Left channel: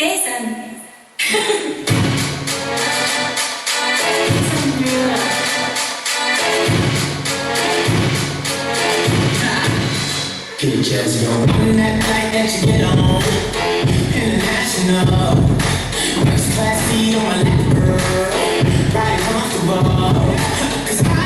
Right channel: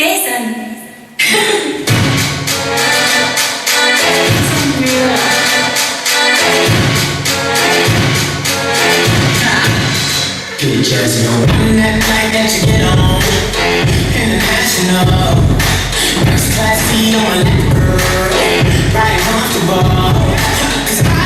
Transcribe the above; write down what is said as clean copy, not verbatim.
Jason. Get jazzy on that night that you get on. International. First class seat on my lap, girl. Riding comfortable. 'Cause I